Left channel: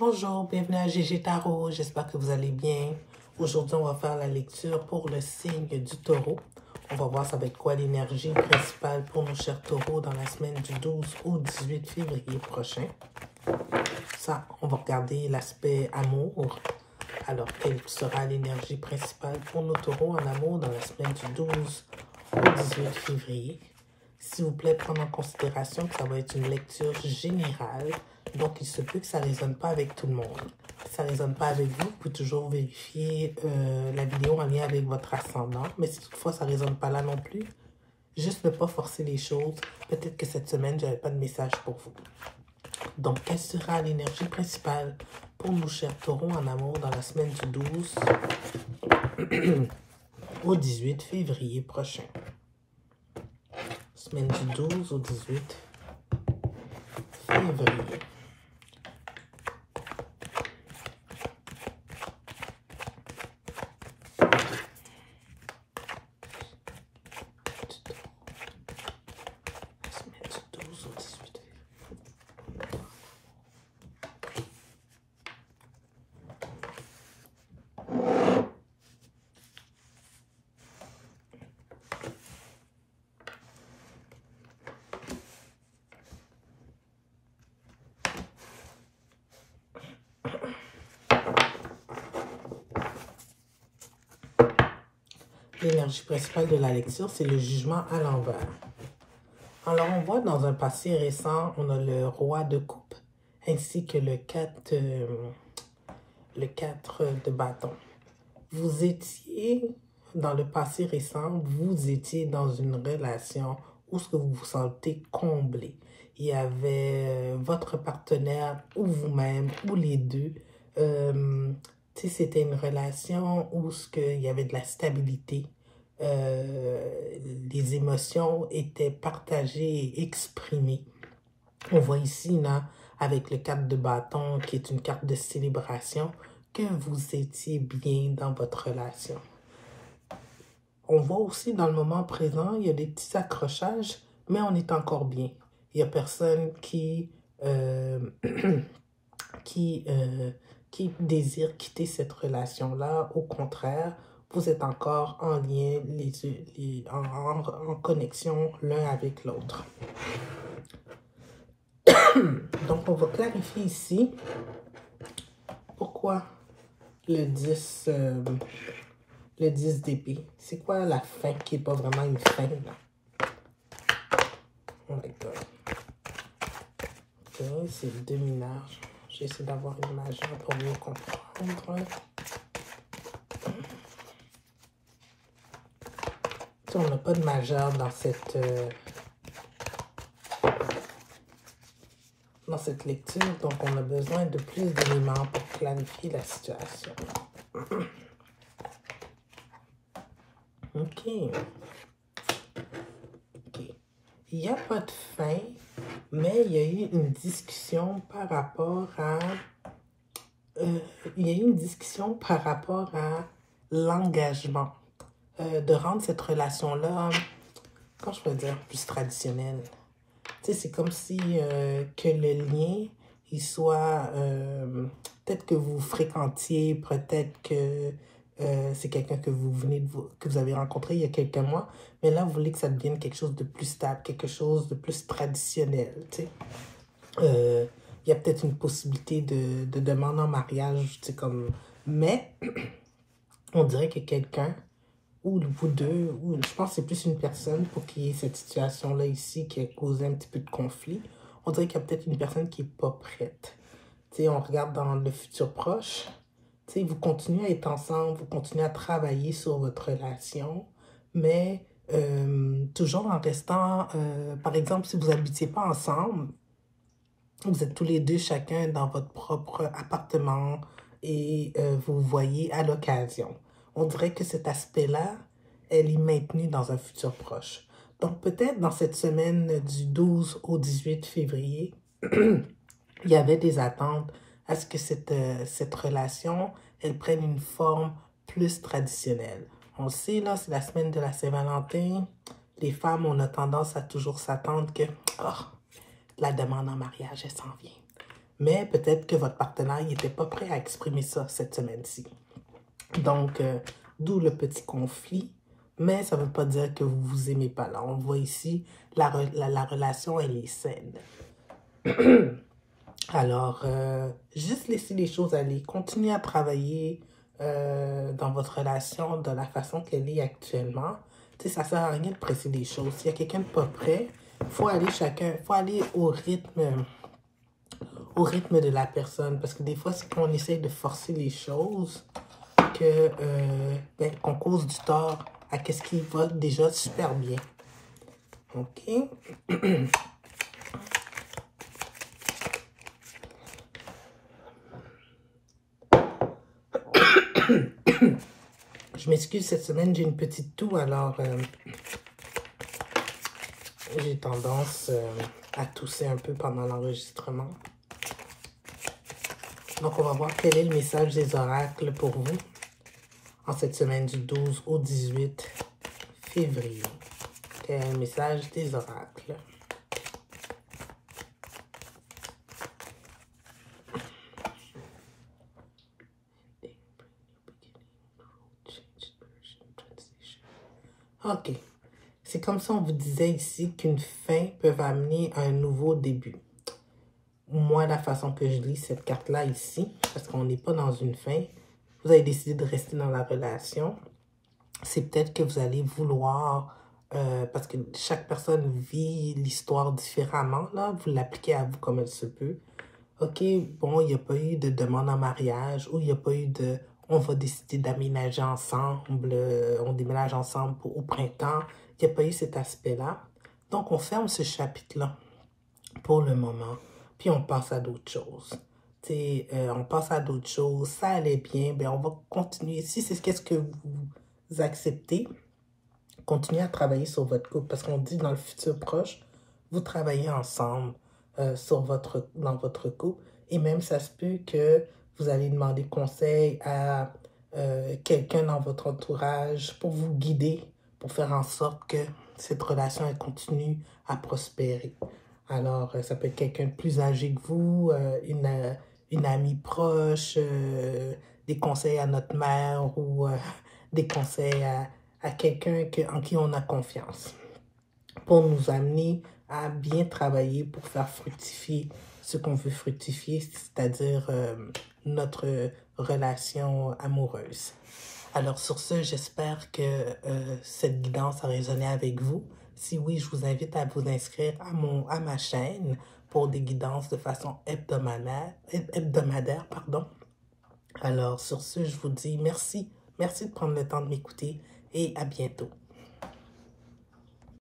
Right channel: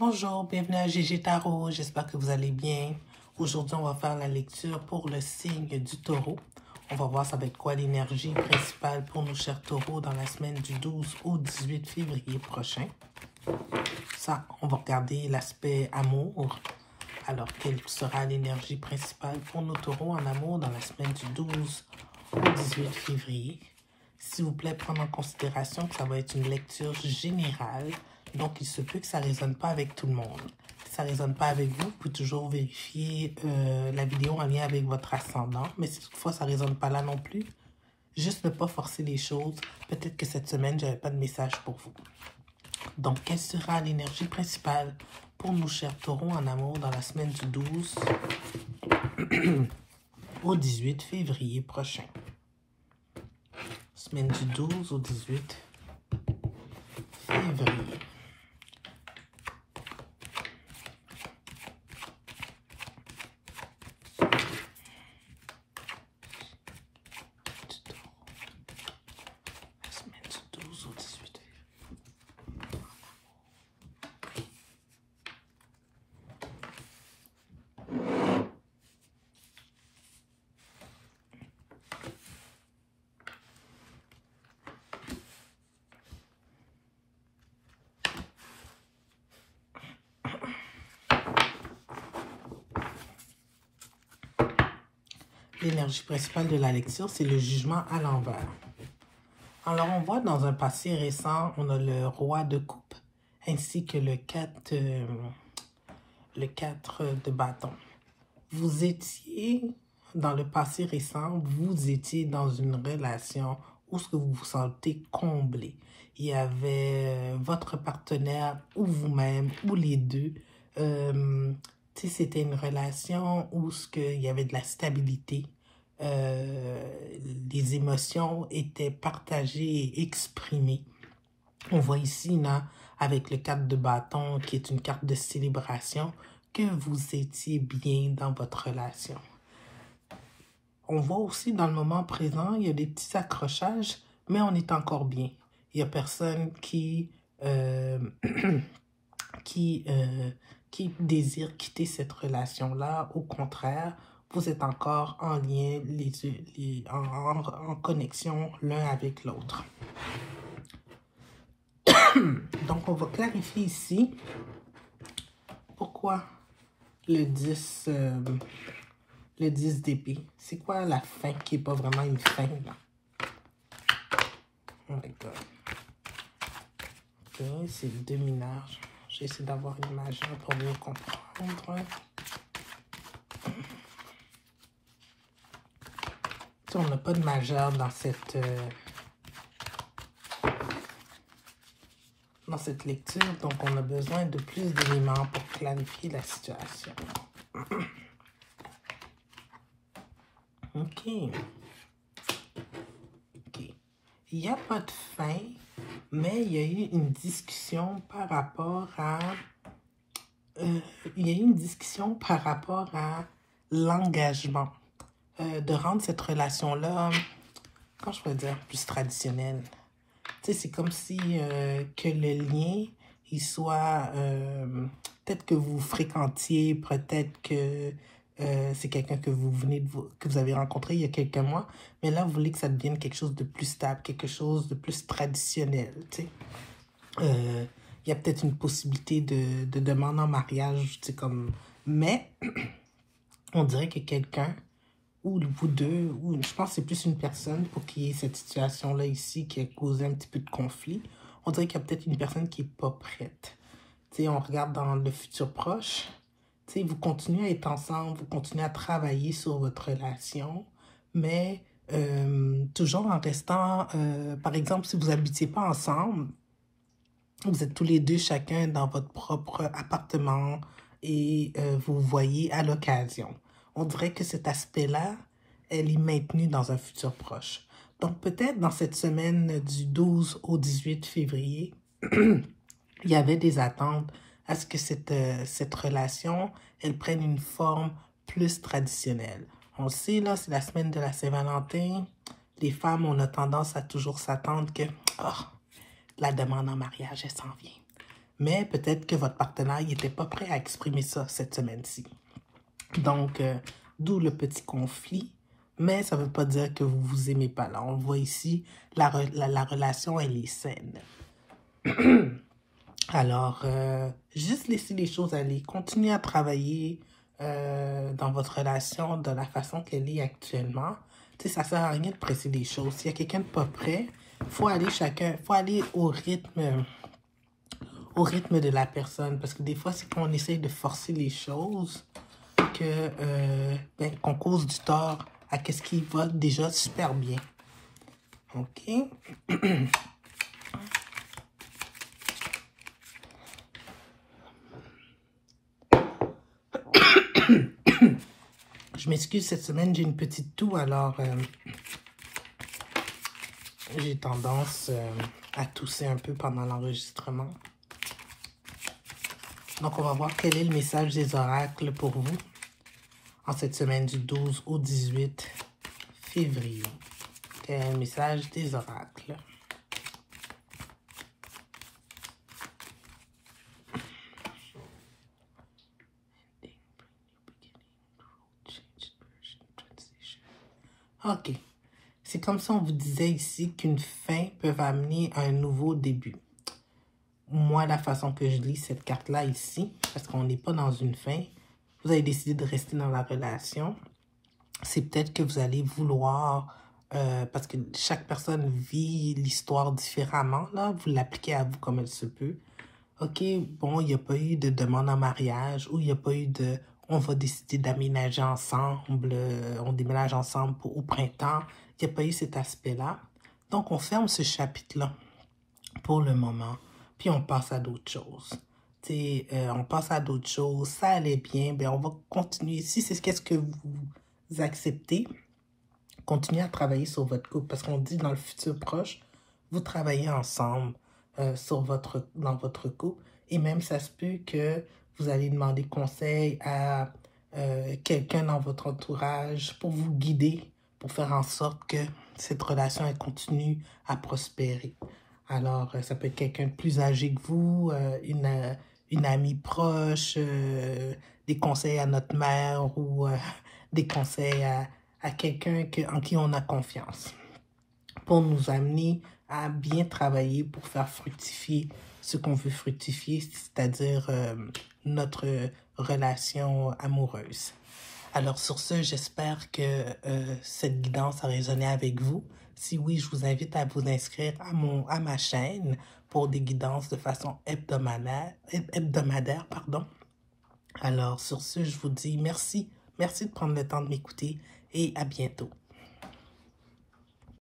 Bonjour, bienvenue à GG Tarot, j'espère que vous allez bien. Aujourd'hui, on va faire la lecture pour le signe du taureau. On va voir ça va être quoi l'énergie principale pour nos chers taureaux dans la semaine du 12 au 18 février prochain. Ça, on va regarder l'aspect amour. Alors, quelle sera l'énergie principale pour nos taureaux en amour dans la semaine du 12 au 18 février? S'il vous plaît, prendre en considération que ça va être une lecture générale. Donc, il se peut que ça ne résonne pas avec tout le monde. Si ça ne résonne pas avec vous, vous pouvez toujours vérifier la vidéo en lien avec votre ascendant. Mais si toutefois ça ne résonne pas là non plus, juste ne pas forcer les choses. Peut-être que cette semaine, je n'avais pas de message pour vous. Donc, quelle sera l'énergie principale pour nos chers taureaux en amour dans la semaine du 12 au 18 février prochain? Semaine du 12 au 18 février. L'énergie principale de la lecture, c'est le jugement à l'envers. Alors, on voit dans un passé récent, on a le roi de coupe ainsi que le 4 de bâton. Vous étiez, dans le passé récent, vous étiez dans une relation où ce que vous vous sentez comblé. Il y avait votre partenaire ou vous-même ou les deux. C'était une relation où il y avait de la stabilité. Les émotions étaient partagées et exprimées. On voit ici, là, avec le 4 de bâton, qui est une carte de célébration, que vous étiez bien dans votre relation. On voit aussi dans le moment présent, il y a des petits accrochages, mais on est encore bien. Il n'y a personne qui désire quitter cette relation-là. Au contraire, vous êtes encore en lien, en connexion l'un avec l'autre. Donc, on va clarifier ici pourquoi le 10 d'épée. C'est quoi la fin qui n'est pas vraiment une fin, là? Oh my God. Ok, c'est le 2 mineur. J'essaie d'avoir une image pour mieux comprendre. On n'a pas de majeur dans cette lecture, donc on a besoin de plus d'éléments pour clarifier la situation. Ok. Il n'y a pas de fin, mais il y a eu une discussion par rapport à l'engagement. De rendre cette relation-là, comment je peux dire, plus traditionnelle. Tu sais, c'est comme si que le lien, il soit, peut-être que vous fréquentiez, peut-être que c'est quelqu'un que que vous avez rencontré il y a quelques mois, mais là, vous voulez que ça devienne quelque chose de plus stable, quelque chose de plus traditionnel, tu sais. Il y a peut-être une possibilité de demande en mariage, tu sais, comme... Mais, on dirait que quelqu'un, ou vous deux, ou je pense que c'est plus une personne pour qu'il y ait cette situation-là ici qui a causé un petit peu de conflit. On dirait qu'il y a peut-être une personne qui n'est pas prête. Tu sais, on regarde dans le futur proche. Tu sais, vous continuez à être ensemble, vous continuez à travailler sur votre relation, mais toujours en restant, par exemple, si vous n'habitiez pas ensemble, vous êtes tous les deux chacun dans votre propre appartement et vous voyez à l'occasion. On dirait que cet aspect-là, elle est maintenue dans un futur proche. Donc, peut-être dans cette semaine du 12 au 18 février, il y avait des attentes à ce que cette relation, elle prenne une forme plus traditionnelle. On sait, là, c'est la semaine de la Saint-Valentin. Les femmes, on a tendance à toujours s'attendre que la demande en mariage, elle s'en vient. mais peut-être que votre partenaire n'était pas prêt à exprimer ça cette semaine-ci. Donc, d'où le petit conflit, mais ça ne veut pas dire que vous ne vous aimez pas. Là, on voit ici, la relation, elle est saine. Alors, juste laisser les choses aller. Continuez à travailler dans votre relation de la façon qu'elle est actuellement. Tu sais, ça ne sert à rien de presser les choses. S'il y a quelqu'un de pas prêt, faut aller au rythme de la personne. Parce que des fois, c'est quand on essaye de forcer les choses qu'on cause du tort à ce qui va déjà super bien. OK? Je m'excuse, cette semaine, j'ai une petite toux, alors j'ai tendance à tousser un peu pendant l'enregistrement. Donc, on va voir quel est le message des oracles pour vous en cette semaine du 12 au 18 février. Quel est le message des oracles? OK. C'est comme si on vous disait ici qu'une fin peut amener un nouveau début. Moi, la façon que je lis cette carte-là ici, parce qu'on n'est pas dans une fin, vous avez décidé de rester dans la relation. C'est peut-être que vous allez vouloir, parce que chaque personne vit l'histoire différemment, là, vous l'appliquez à vous comme elle se peut. OK, bon, il n'y a pas eu de demande en mariage ou il n'y a pas eu de... On va décider d'aménager ensemble, on déménage ensemble au printemps. Il n'y a pas eu cet aspect-là. Donc, on ferme ce chapitre-là pour le moment. Puis, on passe à d'autres choses. On passe à d'autres choses. Ça allait bien. Ben, on va continuer. Si c'est qu'est-ce que vous acceptez, continuez à travailler sur votre couple. Parce qu'on dit dans le futur proche, vous travaillez ensemble dans votre couple. Et même, ça se peut que vous allez demander conseil à quelqu'un dans votre entourage pour vous guider, pour faire en sorte que cette relation elle continue à prospérer. Alors, ça peut être quelqu'un de plus âgé que vous, une amie proche, des conseils à notre mère ou des conseils à quelqu'un en qui on a confiance pour nous amener à bien travailler pour faire fructifier ce qu'on veut fructifier, c'est-à-dire notre relation amoureuse. Alors sur ce, j'espère que cette guidance a résonné avec vous. Si oui, je vous invite à vous inscrire à ma chaîne pour des guidances de façon hebdomadaire. Alors sur ce, je vous dis merci. Merci de prendre le temps de m'écouter et à bientôt.